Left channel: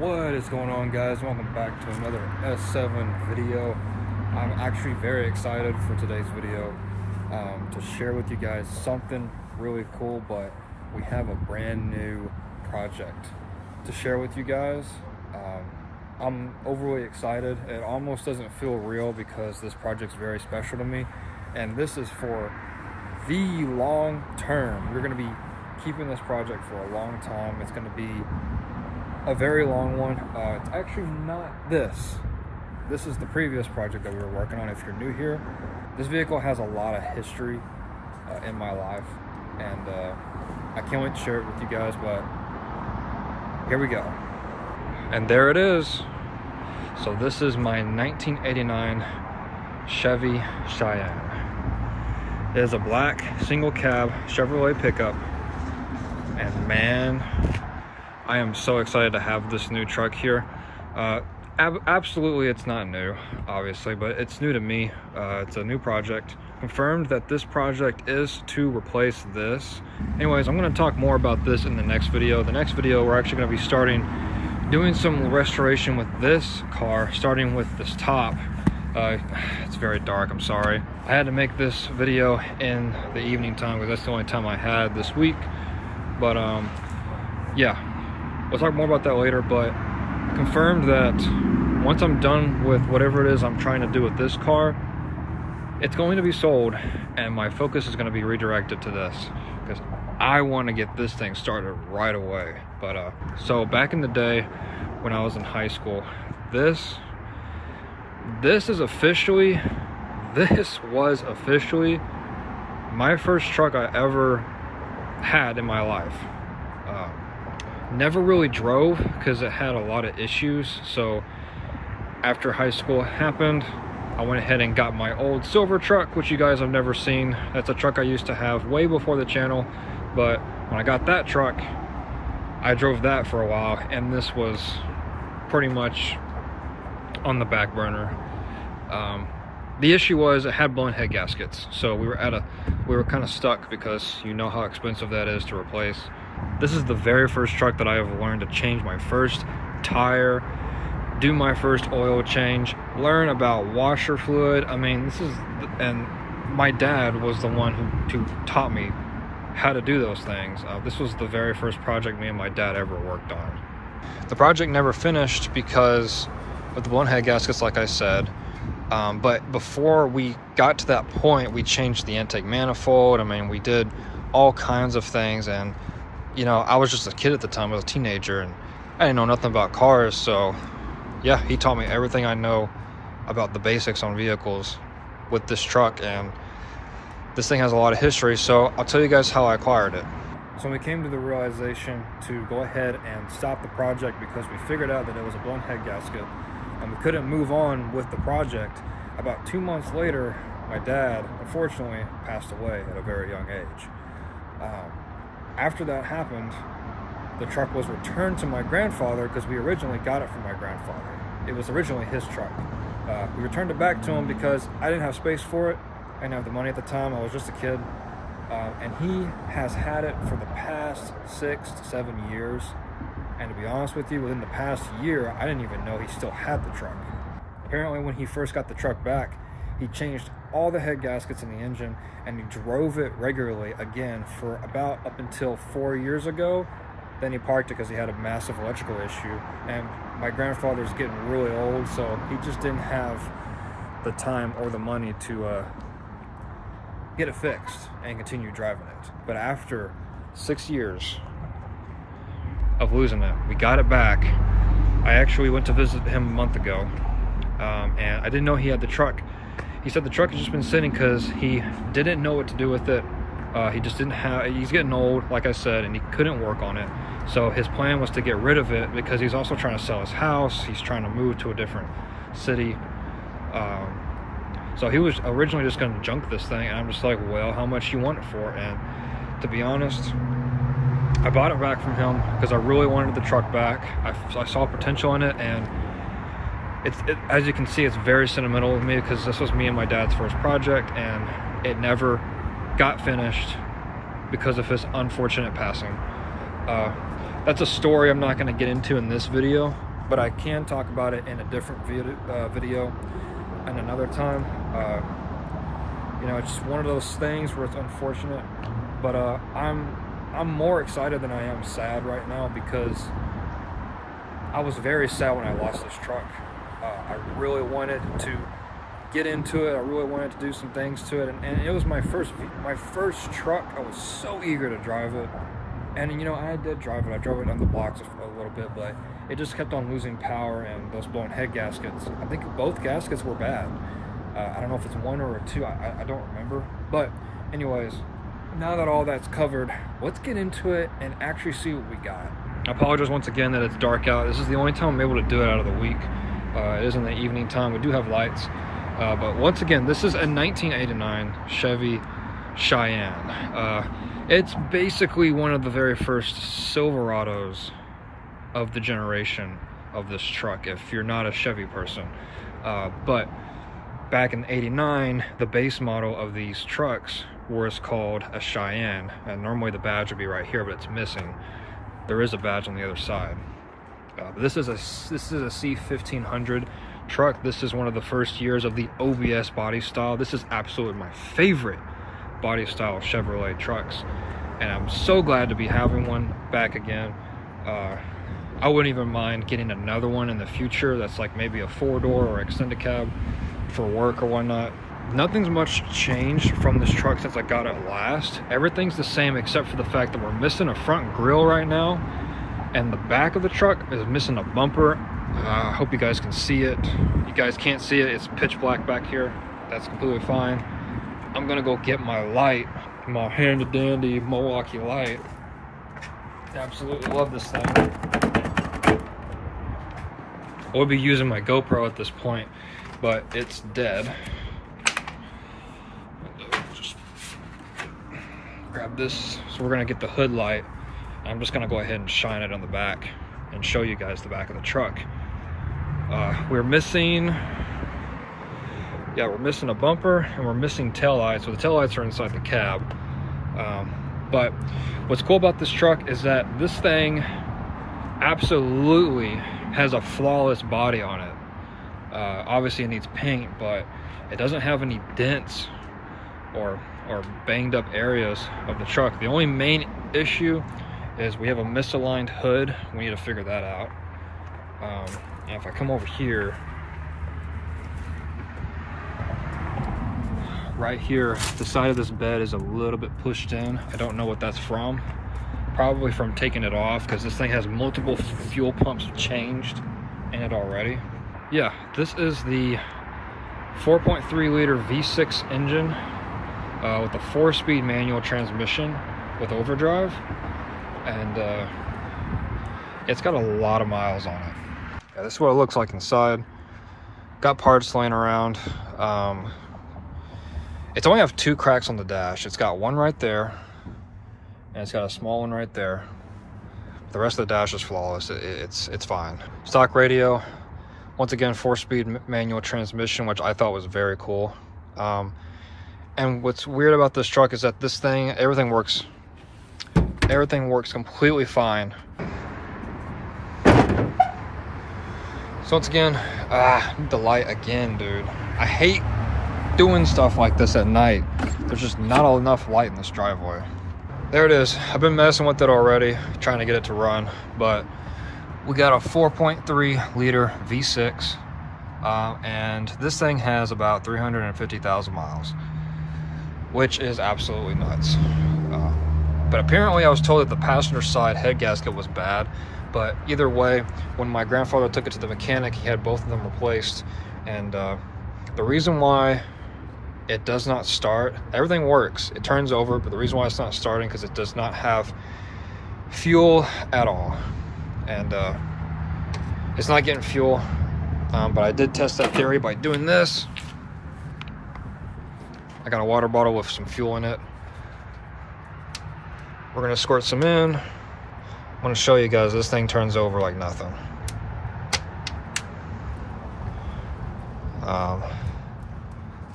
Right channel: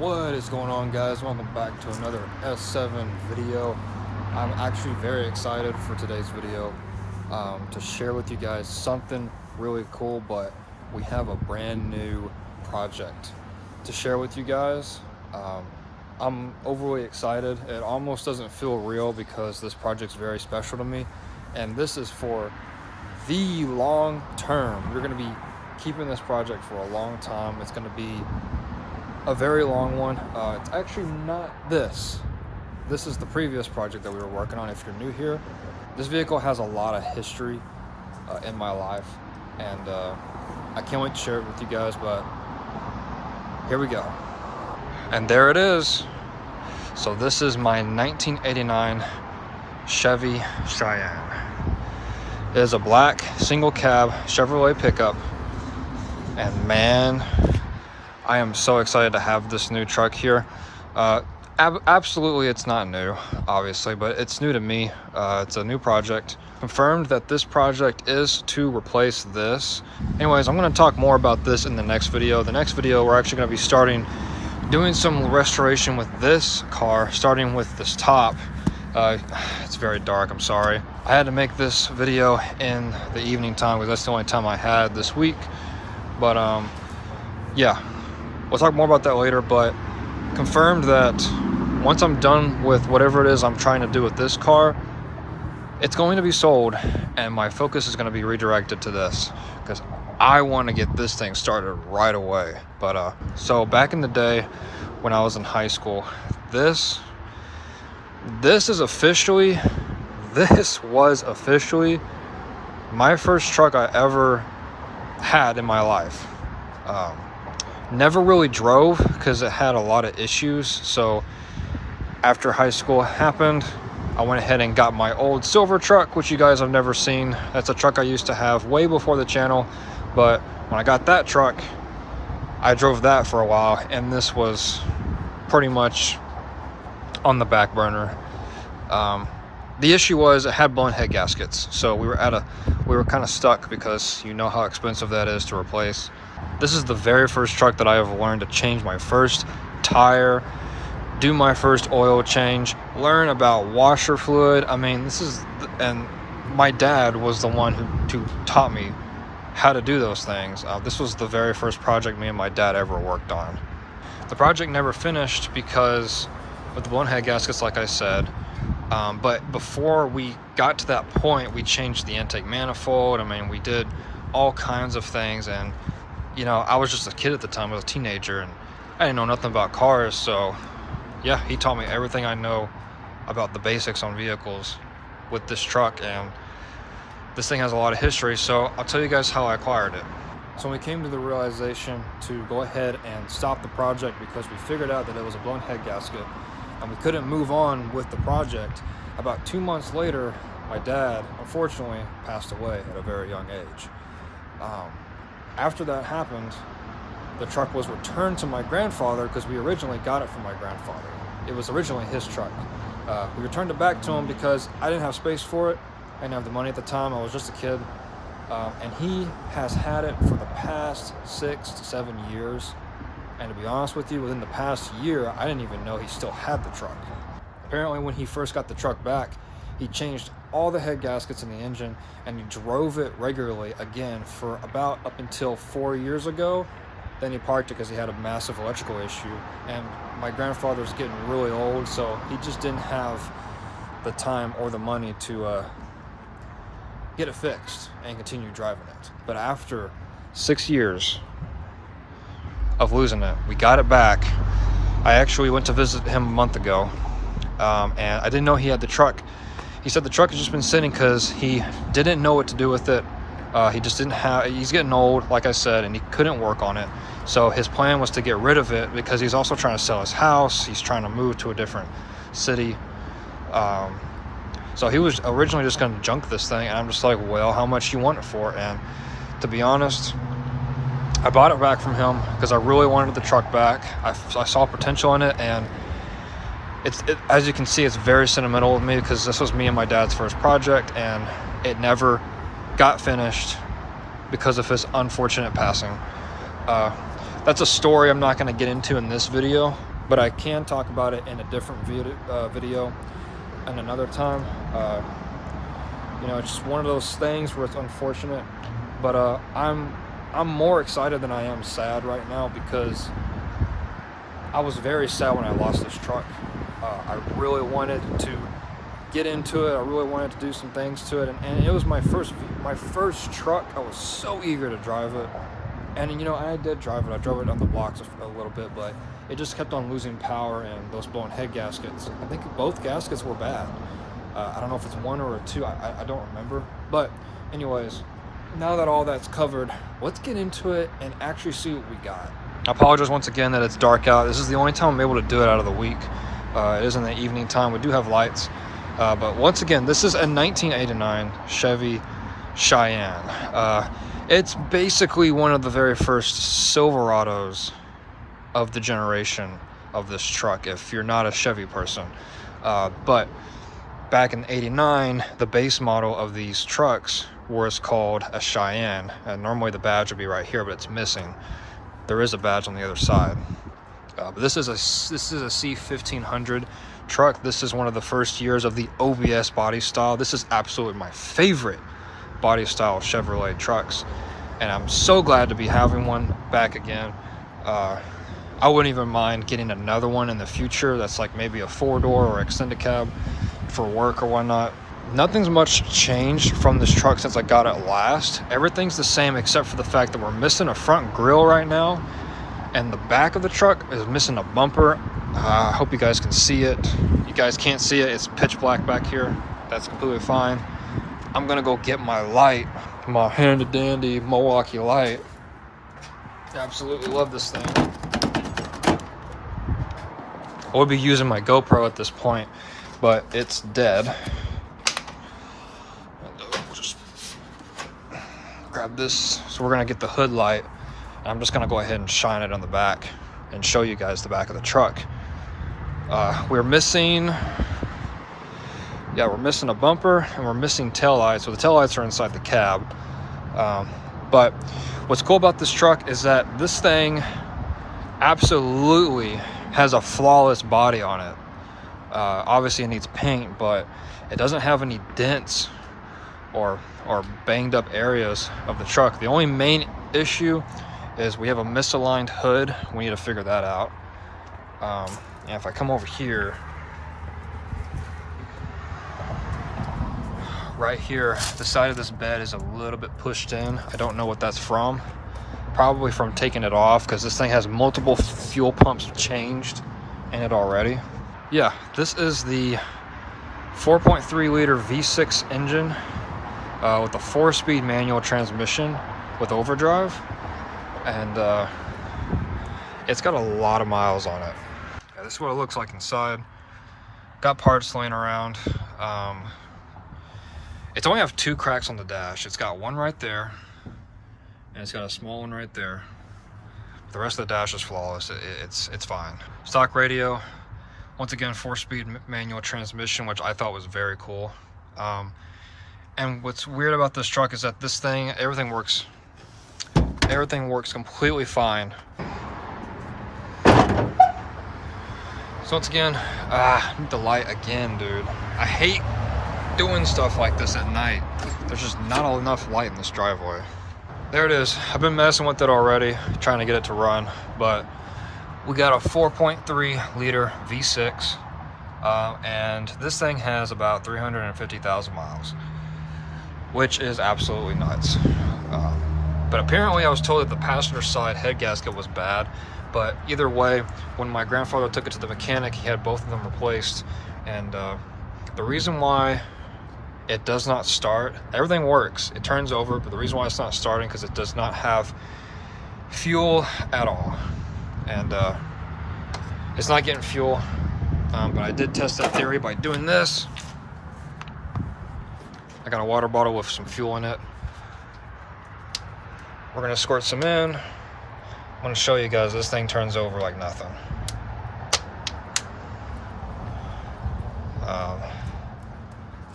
What is going on, guys? Welcome back to another S7 video. I'm actually very excited for today's video to share with you guys something really cool, but we have a brand new project to share with you guys. I'm overly excited. It almost doesn't feel real because this project's very special to me, and this is for the long term. We're going to be keeping this project for a long time. It's going to be a very long one. It's actually not this. This is the previous project that we were working on. If you're new here, this vehicle has a lot of history in my life, and I can't wait to share it with you guys, but here we go. And there it is. So this is my 1989 Chevy Cheyenne. It is a black single cab Chevrolet pickup, and man, I am so excited to have this new truck here. Absolutely, it's not new, obviously, but it's new to me. It's a new project. Confirmed that this project is to replace this. Anyways, I'm going to talk more about this in the next video. The next video, we're actually going to be doing some restoration with this car, starting with this top. It's very dark, I'm sorry. I had to make this video in the evening time because that's the only time I had this week. But yeah. We'll talk more about that later, but confirmed that once I'm done with whatever it is I'm trying to do with this car, it's going to be sold, and my focus is going to be redirected to this because I want to get this thing started right away. But so back in the day when I was in high school, this was officially my first truck I ever had in my life. Never really drove because it had a lot of issues. So after high school happened, I went ahead and got my old silver truck, which you guys have never seen. That's a truck I used to have way before the channel. But when I got that truck, I drove that for a while, and this was pretty much on the back burner. The issue was it had blown head gaskets. So we were kind of stuck because you know how expensive that is to replace. This is the very first truck that I have learned to change my first tire, do my first oil change, learn about washer fluid. I mean, and my dad was the one who taught me how to do those things. This was the very first project me and my dad ever worked on. The project never finished because of the blown head gaskets, like I said. But before we got to that point, we changed the intake manifold. I mean, we did all kinds of things, and you know, I was just a kid at the time. I was a teenager, and I didn't know nothing about cars. So yeah, he taught me everything I know about the basics on vehicles with this truck, and this thing has a lot of history. So I'll tell you guys how I acquired it. So we came to the realization to go ahead and stop the project because we figured out that it was a blown head gasket and we couldn't move on with the project. About 2 months later, my dad unfortunately passed away at a very young age. After that happened, the truck was returned to my grandfather because we originally got it from my grandfather. It was originally his truck. We returned it back to him because I didn't have space for it. I didn't have the money at the time. I was just a kid. And he has had it for the past 6 to 7 years. And to be honest with you, within the past year, I didn't even know he still had the truck. Apparently, when he first got the truck back, he changed all the head gaskets in the engine, and he drove it regularly again for about up until 4 years ago. Then he parked it because he had a massive electrical issue, and my grandfather's getting really old, so he just didn't have the time or the money to get it fixed and continue driving it. But after 6 years of losing it, we got it back. I actually went to visit him a month ago, and I didn't know he had the truck. He said the truck has just been sitting because he didn't know what to do with it. He just didn't have, he's getting old, like I said, and he couldn't work on it. So his plan was to get rid of it because he's also trying to sell his house. He's trying to move to a different city. So he was originally just going to junk this thing, and I'm just like, well, how much you want it for? And to be honest, I bought it back from him because I really wanted the truck back. I saw potential in it, and as you can see, it's very sentimental with me because this was me and my dad's first project, and it never got finished because of his unfortunate passing. That's a story I'm not going to get into in this video, but I can talk about it in a different video and another time. You know, it's just one of those things where it's unfortunate, but I'm more excited than I am sad right now, because I was very sad when I lost this truck. I really wanted to get into it. I really wanted to do some things to it, and it was my first truck. I was so eager to drive it, and you know, I did drive it. I drove it on the blocks a little bit, but it just kept on losing power, and those blown head gaskets, I think both gaskets were bad. I don't know if it's one or a two, I don't remember. But anyways, now that all that's covered, let's get into it and actually see what we got. I apologize once again that it's dark out. This is the only time I'm able to do it out of the week. It is in the evening time. We do have lights. But once again, this is a 1989 Chevy Cheyenne. It's basically one of the very first Silverados of the generation of this truck, if you're not a Chevy person. But back in '89, the base model of these trucks was called a Cheyenne, and normally the badge would be right here, but it's missing. There is a badge on the other side. But this is a C1500 truck. This is one of the first years of the OBS body style. This is absolutely my favorite body style Chevrolet trucks, and I'm so glad to be having one back again. I wouldn't even mind getting another one in the future that's like maybe a 4-door or extended cab for work or whatnot. Nothing's much changed from this truck since I got it last. Everything's the same except for the fact that we're missing a front grille right now, and the back of the truck is missing a bumper. I hope you guys can see it. You guys can't see it, it's pitch black back here. That's completely fine. I'm gonna go get my light, my handy dandy Milwaukee light. Absolutely love this thing. I would be using my GoPro at this point, but it's dead. Just grab this. So we're gonna get the hood light. I'm just gonna go ahead and shine it on the back and show you guys the back of the truck. We're missing a bumper, and we're missing taillights. So the taillights are inside the cab. But what's cool about this truck is that this thing absolutely has a flawless body on it. Obviously it needs paint, but it doesn't have any dents or banged up areas of the truck. The only main issue is we have a misaligned hood. We need to figure that out. And if I come over here, right here, the side of this bed is a little bit pushed in. I don't know what that's from. Probably from taking it off, because this thing has multiple fuel pumps changed in it already. Yeah, this is the 4.3 liter V6 engine with a 4-speed manual transmission with overdrive, and it's got a lot of miles on it. Yeah, this is what it looks like inside. Got parts laying around. It's only have 2 cracks on the dash. It's got one right there, and it's got a small one right there. The rest of the dash is flawless. It's fine. Stock radio, once again 4-speed manual transmission, which I thought was very cool. And what's weird about this truck is that this thing, everything works completely fine. So once again, I need the light again, dude. I hate doing stuff like this at night. There's just not enough light in this driveway. There it is. I've been messing with it already, trying to get it to run, but we got a 4.3 liter V6, and this thing has about 350,000 miles, which is absolutely nuts. But apparently I was told that the passenger side head gasket was bad, but either way, when my grandfather took it to the mechanic, he had both of them replaced, and the reason why it does not start, everything works, it turns over, but the reason why it's not starting because it does not have fuel at all, and it's not getting fuel. But I did test that theory by doing this. I got a water bottle with some fuel in it. We're gonna squirt some in. I'm gonna show you guys, this thing turns over like nothing.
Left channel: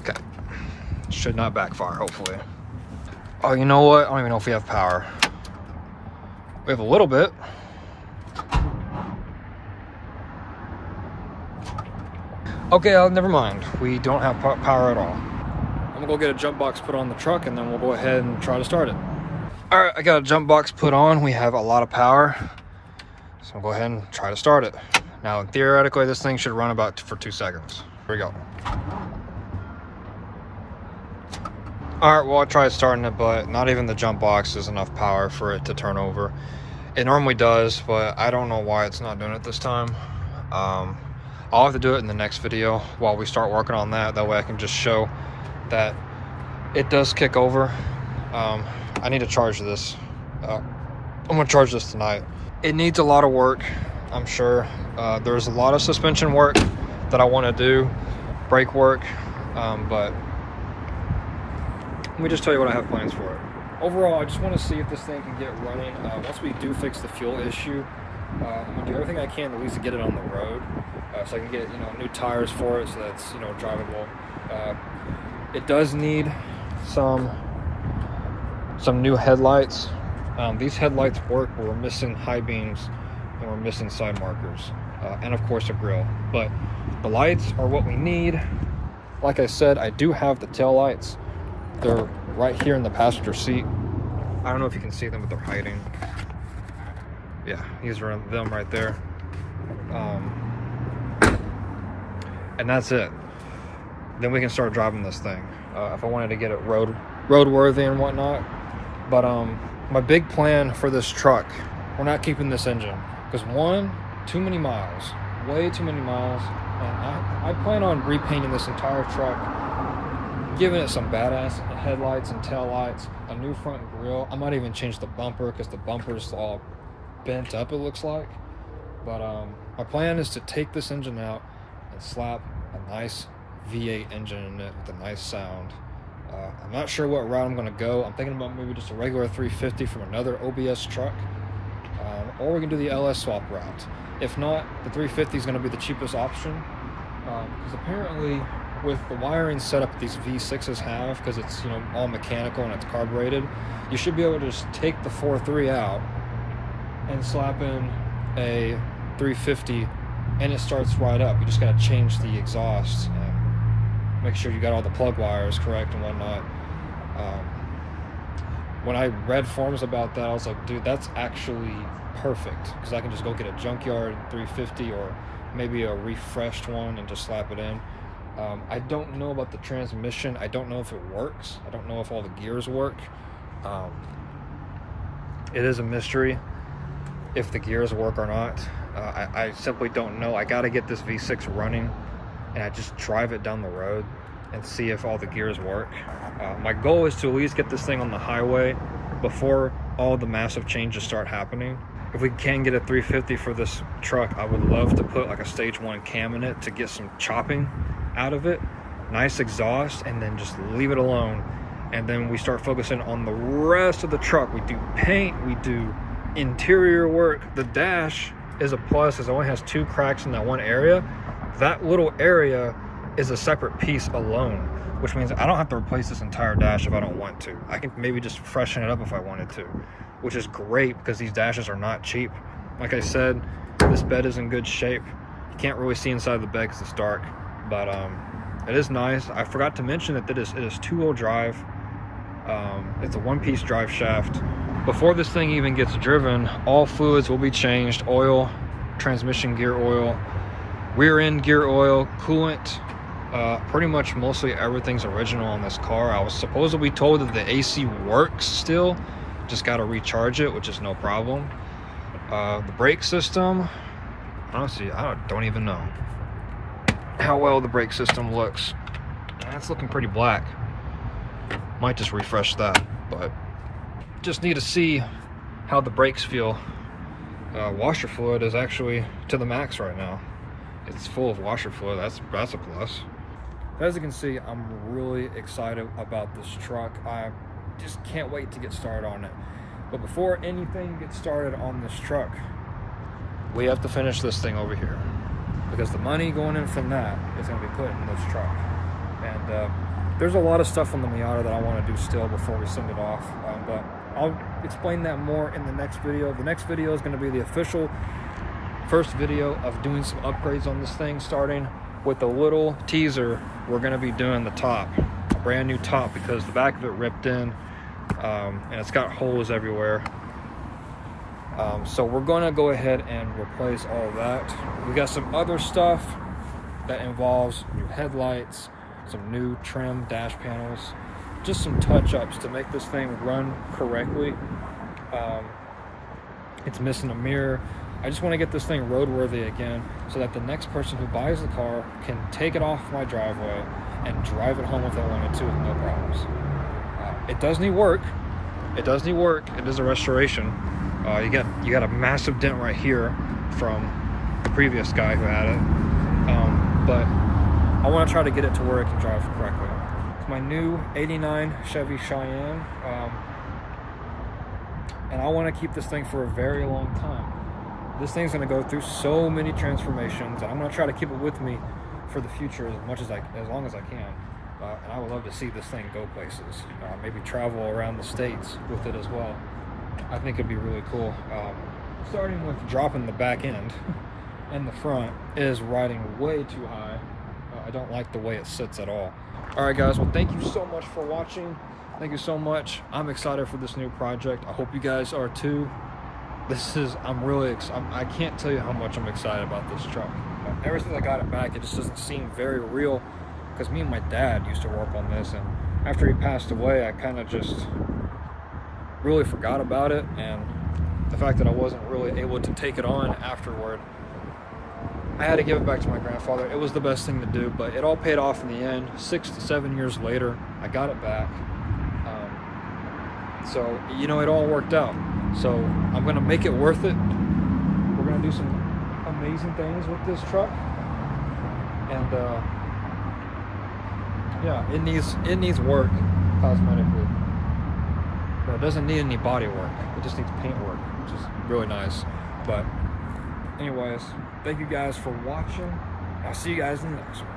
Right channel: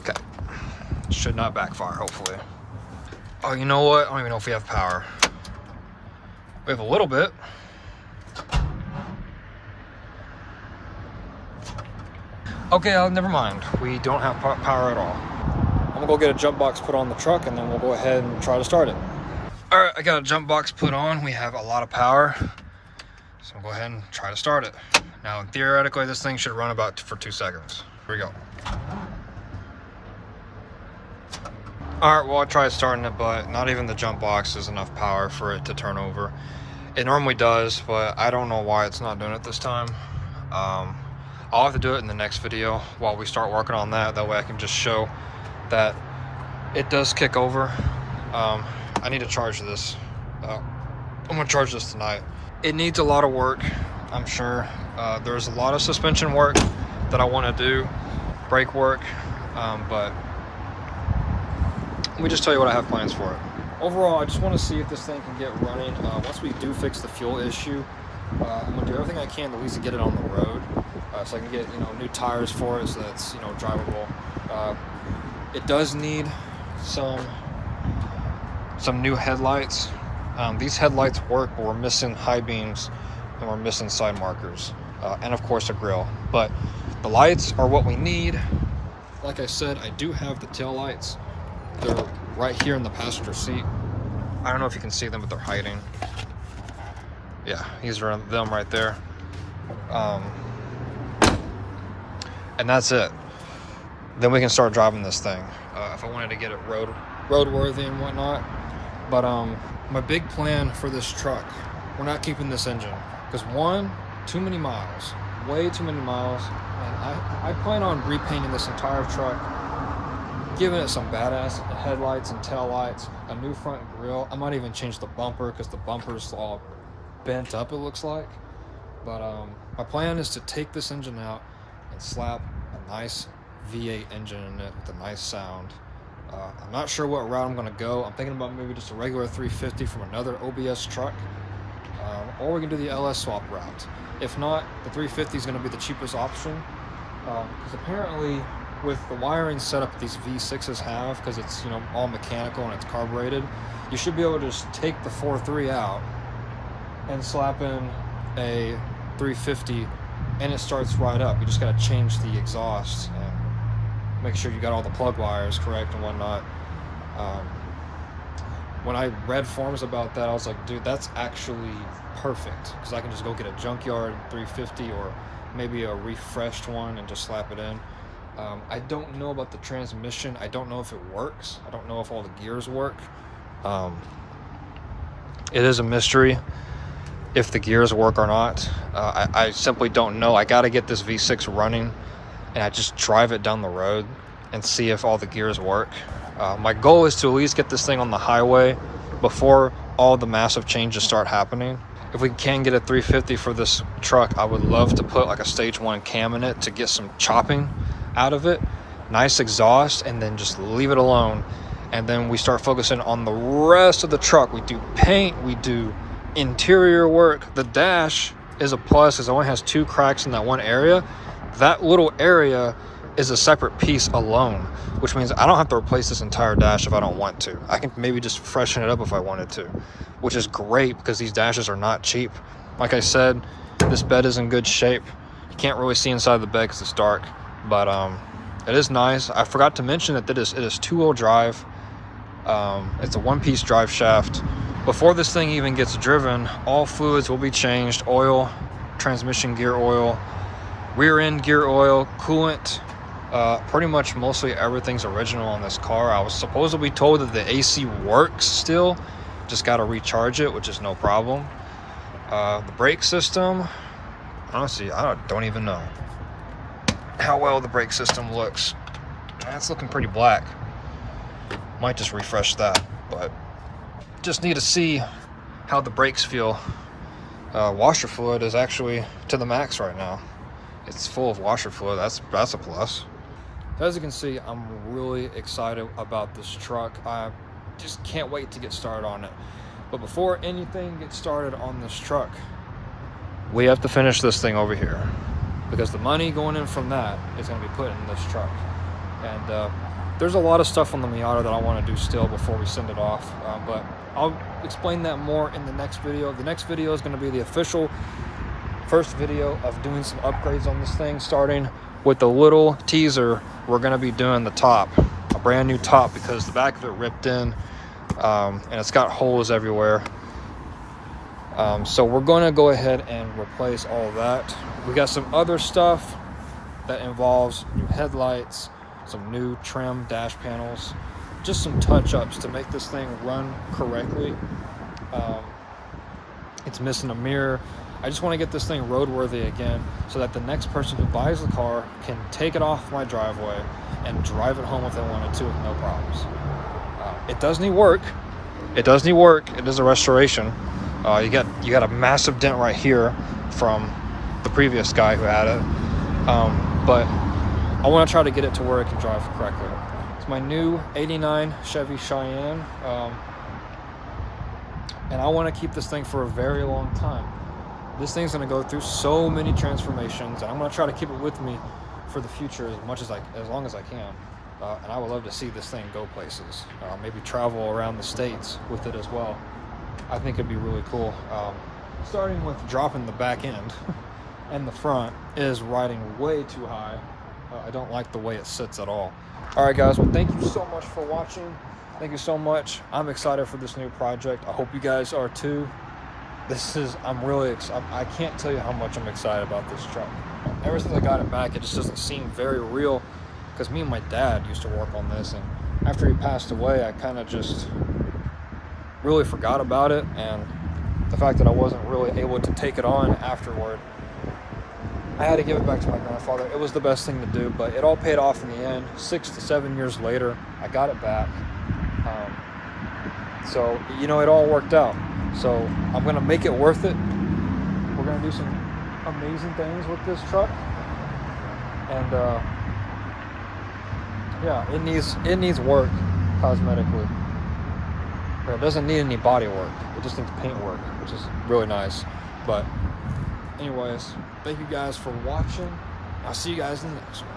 Okay, should not backfire, hopefully. Oh, you know what? I don't even know if we have power. We have a little bit. Okay, never mind. We don't have power at all. I'm gonna go get a jump box put on the truck, and then we'll go ahead and try to start it. All right, I got a jump box put on. We have a lot of power, so I'll go ahead and try to start it. Now, theoretically, this thing should run about for 2 seconds. Here we go. All right, well, I tried starting it, but not even the jump box is enough power for it to turn over. It normally does, but I don't know why it's not doing it this time. I'll have to do it in the next video while we start working on that. That way I can just show that it does kick over. I need to charge this. I'm gonna charge this tonight. It needs a lot of work, I'm sure. There's a lot of suspension work that I want to do, brake work, but let me just tell you what I have plans for it. Overall, I just want to see if this thing can get running. Once we do fix the fuel issue, I'm gonna do everything I can to at least get it on the road, so I can get new tires for it, so that's drivable. It does need some new headlights. These headlights work, but we're missing high beams and we're missing side markers, and of course a grill. But the lights are what we need. Like I said, I do have the tail lights. They're right here in the passenger seat. I don't know if you can see them, but they're hiding. Yeah, these are them right there. And that's it. Then we can start driving this thing. If I wanted to get it roadworthy and whatnot. But my big plan for this truck, we're not keeping this engine. Because one, too many miles. Way too many miles. And I plan on repainting this entire truck, giving it some badass headlights and tail lights, a new front grille. I might even change the bumper because the bumper's all bent up, it looks like. But my plan is to take this engine out and slap a nice V8 engine in it with a nice sound. I'm not sure what route I'm going to go. I'm thinking about maybe just a regular 350 from another OBS truck, or we can do the LS swap route. If not, the 350 is going to be the cheapest option, because apparently with the wiring setup these V6s have, because it's all mechanical and it's carbureted, you should be able to just take the 4.3 out and slap in a 350 and it starts right up. You just got to change the exhaust and make sure you got all the plug wires correct and whatnot. When I read forums about that, I was like, dude, that's actually perfect, because I can just go get a junkyard 350 or maybe a refreshed one and just slap it in. I don't know about the transmission. I don't know if it works. I don't know if all the gears work. It is a mystery if the gears work or not. I simply don't know. I got to get this V6 running and I just drive it down the road and see if all the gears work. My goal is to at least get this thing on the highway before all the massive changes start happening. If we can get a 350 for this truck, I would love to put like a stage 1 cam in it to get some chopping out of it, nice exhaust, and then just leave it alone. And then we start focusing on the rest of the truck. We do paint, we do interior work. The dash is a plus because it only has 2 cracks in that one area. That little area is a separate piece alone, which means I don't have to replace this entire dash if I don't want to. I can maybe just freshen it up if I wanted to, which is great because these dashes are not cheap. Like I said, this bed is in good shape. You can't really see inside the bed because it's dark, but it is nice. I forgot to mention that it is 2-wheel drive. It's a 1-piece drive shaft. Before this thing even gets driven, all fluids will be changed: oil, transmission gear oil, rear end gear oil, coolant. Pretty much mostly everything's original on this car. I was supposedly told that the AC works still, just got to recharge it, which is no problem. The brake system, honestly, I don't even know how well the brake system looks. It's looking pretty black. Might just refresh that, but just need to see how the brakes feel. Washer fluid is actually to the max right now. It's full of washer fluid. That's a plus. As you can see, I'm really excited about this truck. I just can't wait to get started on it. But before anything gets started on this truck, we have to finish this thing over here, because the money going in from that is going to be put in this truck. And there's a lot of stuff on the Miata that I want to do still before we send it off, but I'll explain that more in the next video. The next video is going to be the official first video of doing some upgrades on this thing, starting with the little teaser, we're gonna be doing the top, a brand new top, because the back of it ripped in, and it's got holes everywhere. So we're gonna go ahead and replace all of that. We got some other stuff that involves new headlights, some new trim dash panels, just some touch-ups to make this thing run correctly. It's missing a mirror. I just want to get this thing roadworthy again, so that the next person who buys the car can take it off my driveway and drive it home if they wanted to with no problems. It does need work. It does need work. It is a restoration. You got a massive dent right here from the previous guy who had it. But I want to try to get it to where it can drive correctly. It's my new '89 Chevy Cheyenne. And I want to keep this thing for a very long time. This thing's going to go through so many transformations, and I'm going to try to keep it with me for the future as long as I can. And I would love to see this thing go places. Maybe travel around the States with it as well. I think it'd be really cool. Starting with dropping the back end and the front is riding way too high. I don't like the way it sits at all. All right, guys. Well, thank you so much for watching. Thank you so much. I'm excited for this new project. I hope you guys are too. I'm really excited. I can't tell you how much I'm excited about this truck. Ever since I got it back, it just doesn't seem very real, because me and my dad used to work on this, and after he passed away, I kind of just really forgot about it, and the fact that I wasn't really able to take it on afterward, I had to give it back to my grandfather. It was the best thing to do, but it all paid off in the end. 6 to 7 years later, I got it back. So, you know, it all worked out. So I'm gonna make it worth it. We're gonna do some amazing things with this truck, and yeah, it needs work cosmetically. Well, it doesn't need any body work. It just needs paint work, which is really nice. But anyways, thank you guys for watching. I'll see you guys in the next one.